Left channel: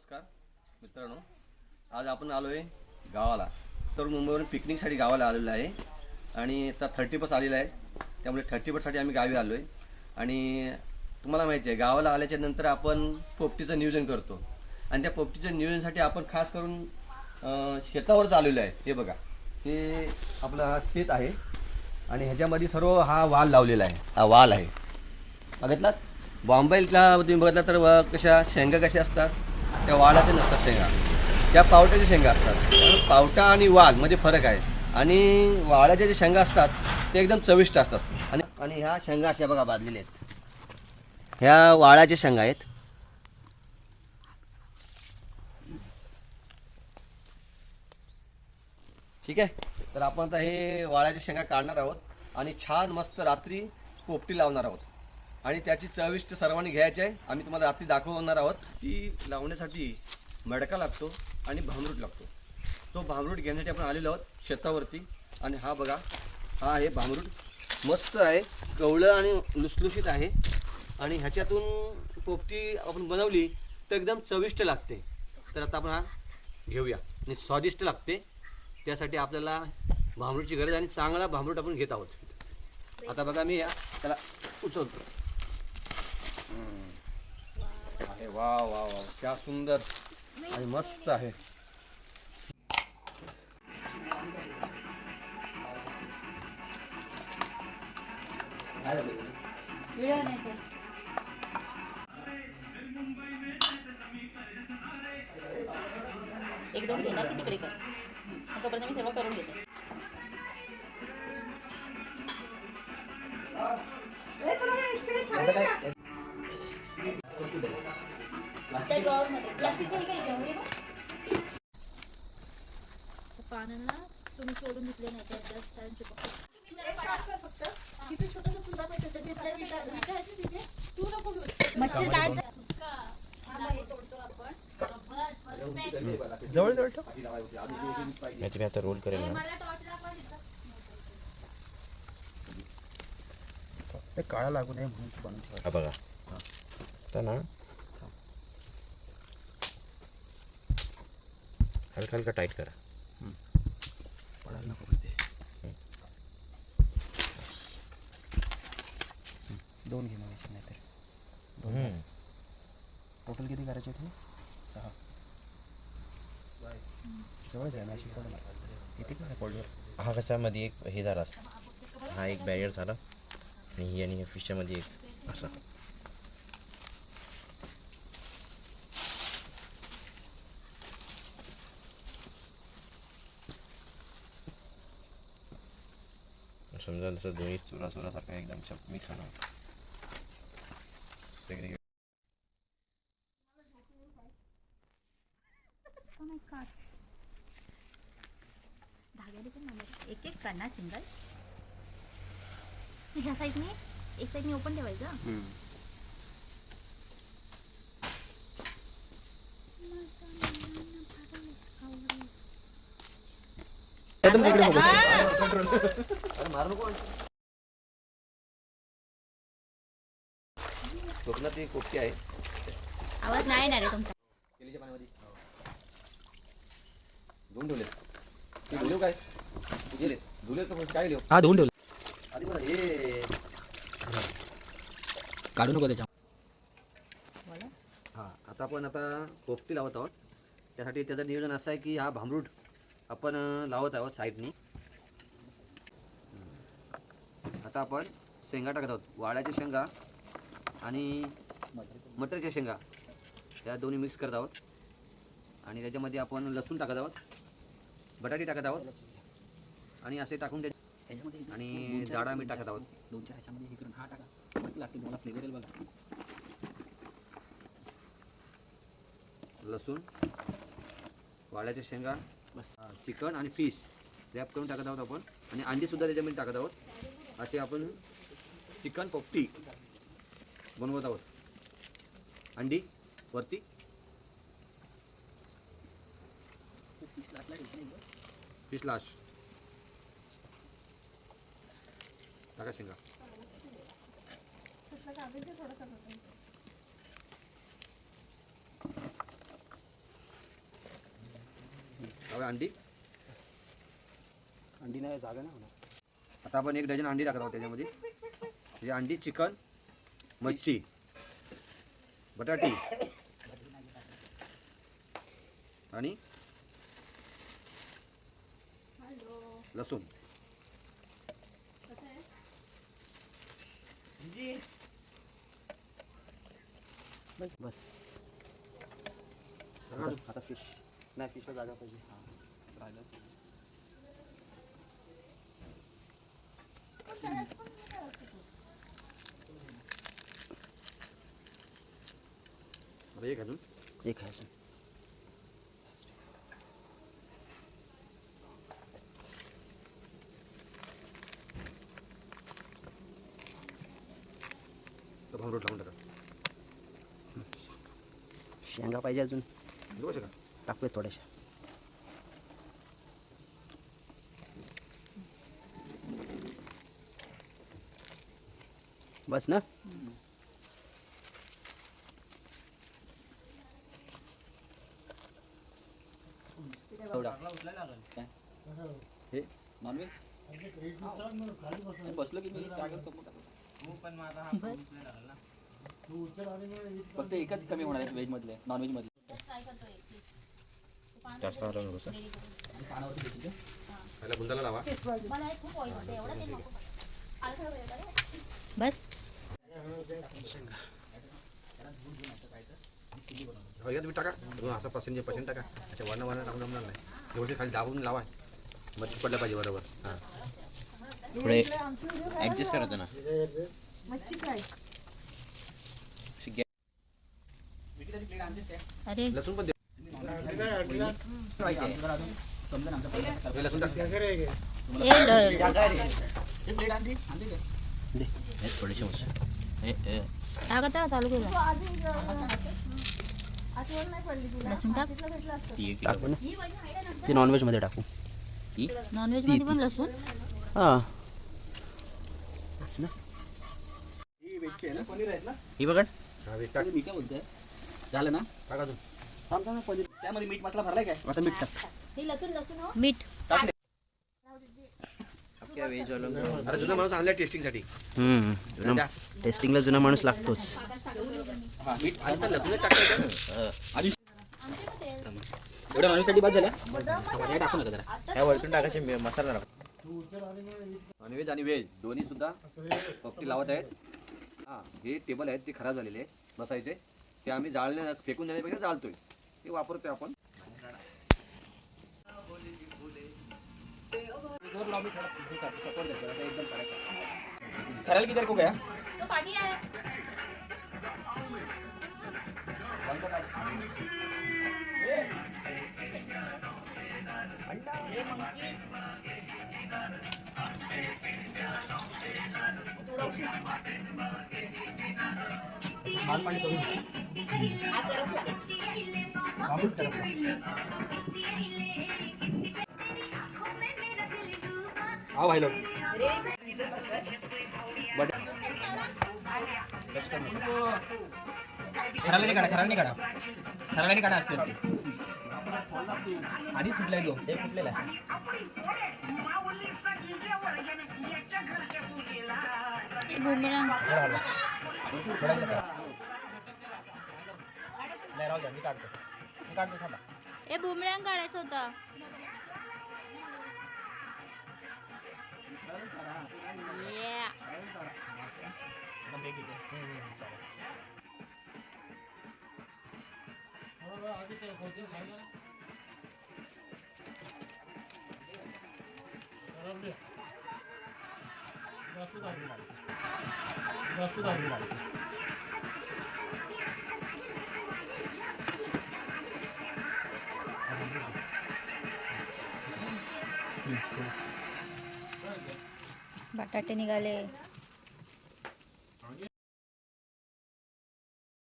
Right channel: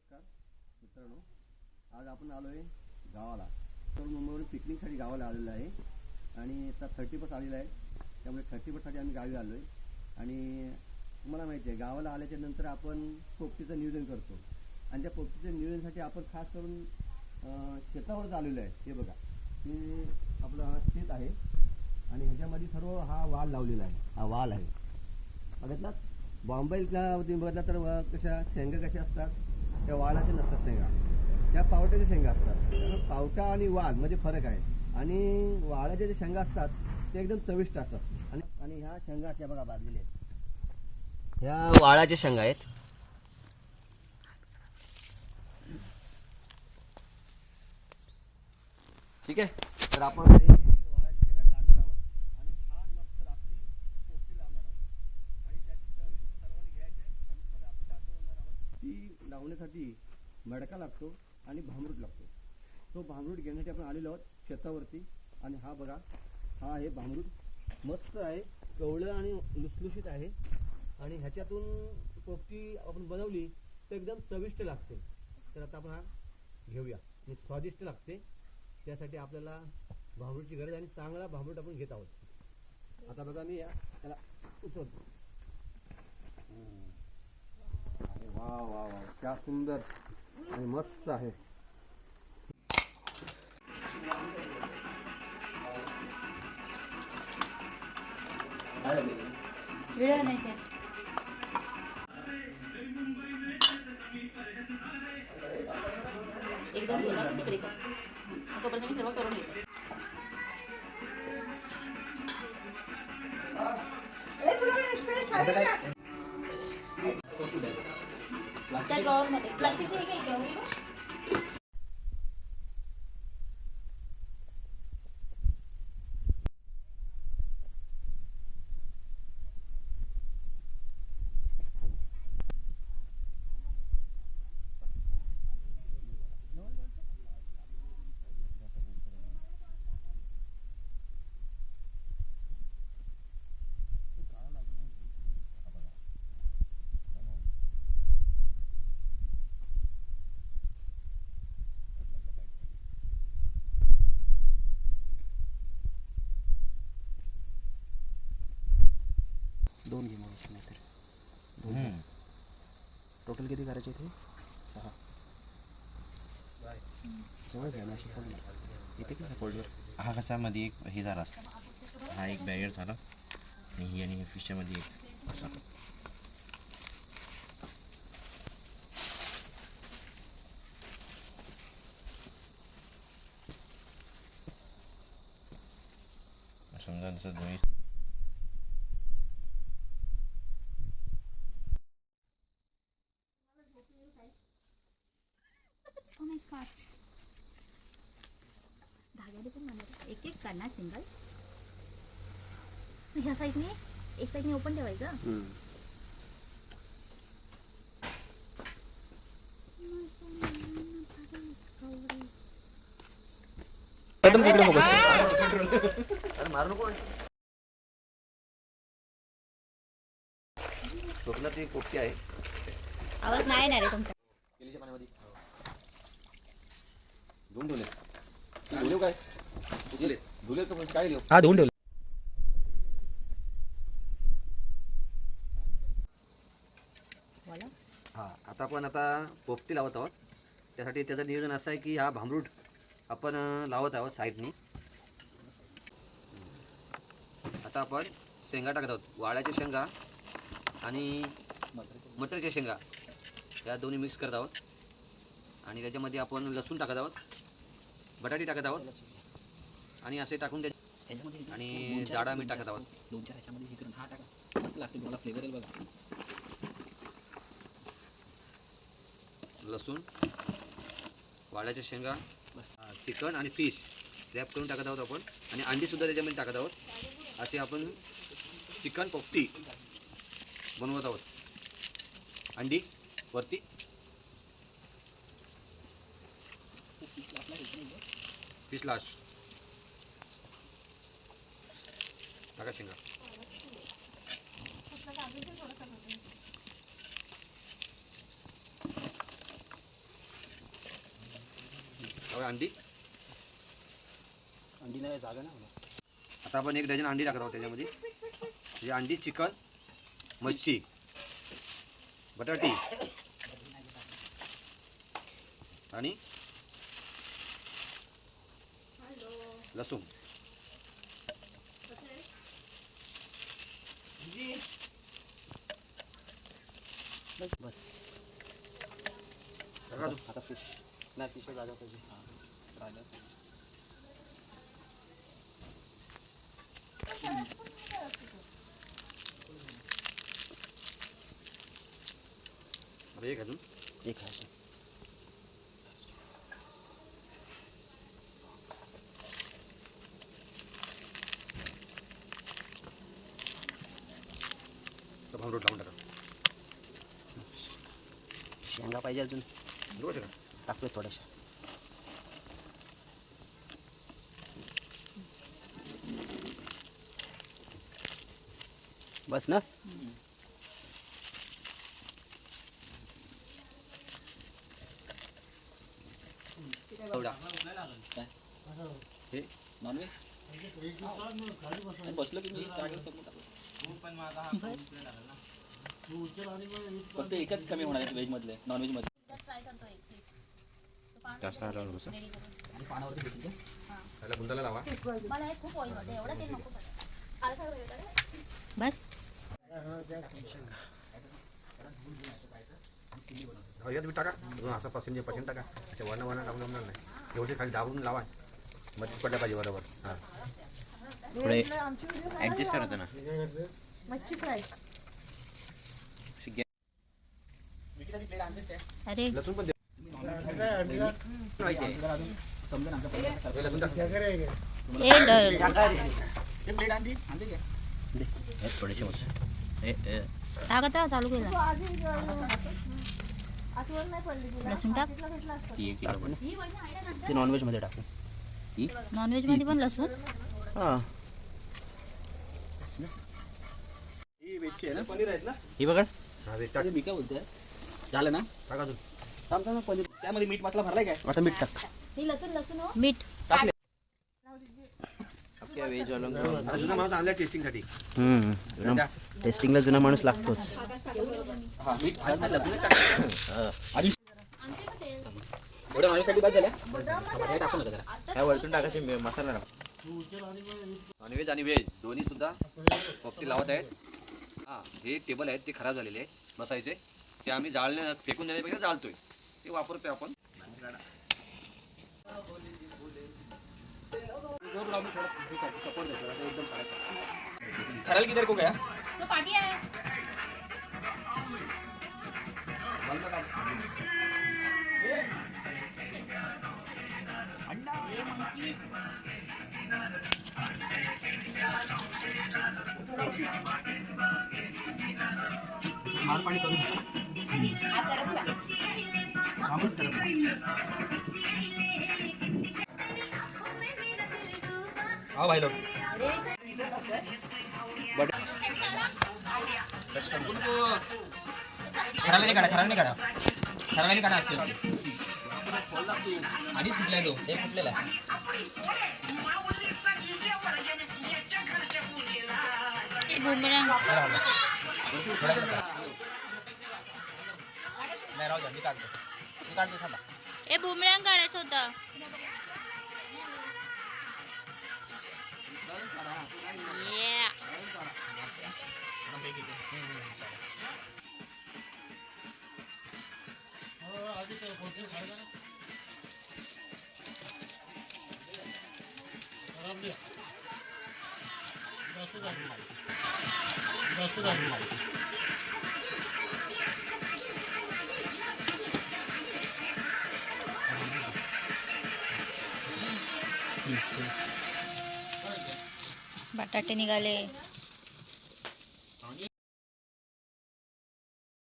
नमस्कार मित्रांनो, आज आपण आलो आहे गावाला. तर मुंबईवरून पिकनिकसाठी गावाला आलेलो आहे आणि आता 30+ आलेला आहे. त्यामुळे 30+साठी आम्ही गावी आलो आहे. आणि तुम्हाला माहिती आहे, गावाला आल्याच्या नंतर आपण पोपटीचं नियोजन करतो आणि त्या पोपटीच्या नियोजनासाठी आपण खास करून शेतावरच आलेलो आहे. हे बघा, हे आपलं हा शेत आहे आणि ह्याच्यामध्ये सर्व हा वाल लावलेला आहे. हा वाल आहे, बघितलात. बॉम्बेला तुम्ही बघितला तर कशा शेंगा कशा असतात, त्या वालाच्या नसतात शेंगा, त्या पावट्याच्या शेंगा असतात. त्यामुळे पावटा आणि वाल मध्ये फरक आहे. आणि वालाच्या जे शेंगा असतात ते एकदम चविष्ट असतात. आणि ह्या शेंगा अशा बघा भाजलेल्या आहेत, ह्या वाळाच्या शेंगा आहेत. ठीक आहे, तर आपण आता हे वाळ्याच्या शेंगा काढणार आहोत आणि छान मस्त रात्री पोपटी लावणार आहोत. आणि त्याची चविष्ट सर्वांनी घ्यायची आहे. आम्ही तुम्हाला रात्री दाखवणार आहोत. ती लावण्यासाठी मडका लागतो आणि भांबरूट लागतो. तो भांबरूट घेण्यासाठी आपण आलेलो आहोत शेतावरती. आणि हा बघा, हा आहे भांबरूट. मस्त आहे, कवळं आणि लुसलुशीत आहे. आणि ह्याच्यातून पोपटी आपण बनवली तर एकदम चविष्ट लागते. तर आता आपण हा घेऊया आणि स्वादिष्ट लागते. त्यासाठी आपल्याला भांबरूटची गरज आहे आणि चांगला भांबरूट आपण घेत आहोत. आता बघा, मी त्याला उचलतो. अरे वा वा वा, क्या सुंदर आणि मस्त आहे. एकदम गेला की तिकडे कर. तोपर्यंत मी सर्व करून घेते. त्या ड्रॉवर मध्ये प्लास्टिकचं हे काय ड्रॉवर आहे. पानांना तुम्ही सोडून घेतले नाही मच्छर काय जवळ जवळ ठेव. मी आता रोल करेल ना. ते काळा लागू नये म्हणून बनवून ठेवा. हा बघा, आता ना हलका हलका टाईट करा. दोन घे मग, नाहीतर टोटल किती करायचे ते? 6. जवळ घ्या ना, इथे काय फोल्डर. हा कसा मध्ये एक हे झाला असता, हा एक बॅरियर झाला आणि ही आणि फिशच्यामध्ये एक असा. समजा जसं दोन्ही चुरा चुरासारखा एकदम मिक्स होणार. धाग्याने पण मारायचं. एक एक करणार सिंगल. ह्या साईडने एक साईडने ओपन ठेवायचं. तिकडे बघू. अरे मारू नको. कोकणात ही पोपटी आहे. आवाज नाही येणार आहे तुमचा. केलीच्या पाण्यामध्ये धुवून ठेवले. धुले काय धुले धुले तर काय लिहू. हा धुवून ठेवलं. आधी बघा, हे काढू नको त्याच्या. हा, आता आपण पोपटी लावत आहोत. त्यासाठी त्याचं नियोजन असं आहे की हा भांबरूट आपण लावत आहोत साईडनी. आता आपण शेंगा टाकत आहोत, वाळ्याच्या शेंगा आणि मटरच्या शेंगा, त्या दोन्ही मिक्स करत आहोत. आणि त्याच्यामध्ये आपण लसूण टाकत आहोत, बटाटी टाकत आहोत आणि असे टाकून आणि जाडा मीठ टाकत आहोत. 2-4 ह्याच्यामध्ये हे करून हा टाका, मस्त लागते. तुम्हाला फ्लेवर येईल बघा. लसूण, वाळ्याच्या शेंगा, चिकन आणि फिश रॅप करून टाकत आहोत आपण. आणि अंडीसुद्धा त्याच्यामध्ये टाकत आहोत. असे आपण चिकन पोपटी बनवत आहोत. अंडी वरती, फिश लास्ट टाका शेंगा. अंडी अंडी नाही जागा नाही होणार. आता आपण 1 डझन अंडी टाकत आहोत त्याच्यामध्ये. म्हणजे अंडी, चिकन, मच्छी, बटाटी आणि लसूण. बस आता फिश नाही, फिश जागा पाहिजे. हां राहिलं असेल. एक अजून एक आहे अजून. रोड लावून टाका. शेंगा पाहिजे अजून, बरोबर आहे का? टाकूया थोड्याशा. बस ना. हे नॉनव्हेज बसलं की मी जागेवर समोर टाकतो. फक्त एकच कमी होणार आहे व्हेजमधले. नॉनव्हेजमध्ये जास्त आलं नको सर. पहिला बुंदाला लावा. बस यात मी टाका अजून असा पर्सेंट टाका. अच्छा वर्ण टाकून जमणार नाही. एवढे खाली दाबून लावा. मच्छी पडल्या पाहिजे बरोबर. हां थोडे ॲडजस्ट करायचं ना. अरे लसूण पण दे. पाहिजे हे लसूण टाक. थोडेसे मस्त. टाक आता चालू केलं. लसूण टाक. टाकू ना ते नॉनव्हेजमध्ये टाकू. नॉनव्हेज मध्ये पण लसूण. हां ही बघा. हा वेट टाक. मी काय बोलतोय, झालं ना. टाक अजून. थांब थांब पनीर त्यामध्ये मीठ मसाला भरलाय काय. आता मीठ टाक. मीठ. आपल्या व्हेजवाला अरे जुना माणूस आणला टेस्टिंगसाठी. टेस्टिंगला जुना माणूस लागतोच. हां मीठ आणि पण लसूण टाक. एवढ्या नॉनव्हेजसाठी बाद झाल्या. हे टाकू नका जरा. काय वरतून टाकायचे मसाला टाक. नॉनव्हेज आणि व्हेज दोन्ही सुद्धा पपटी लावत आहेत. हां हे टेबल आहेत ते खराब झालेले आहेत बसायचे. ते आम्ही जाळणे फेकून देण्यापेक्षा जाळतोय. ते वापरतोय आपण. खराल किधर को गया. तो पाठी आहे. हाँ भाई लोग खराला नाही काढा. खराला नाही काढा. असते आधीच कुठलाय तो. ते कुठलेला बुमरंग. मी काढतो थांबा. ए बुमरंग काढायचं होतं. Yeah. बटाटे निघाले.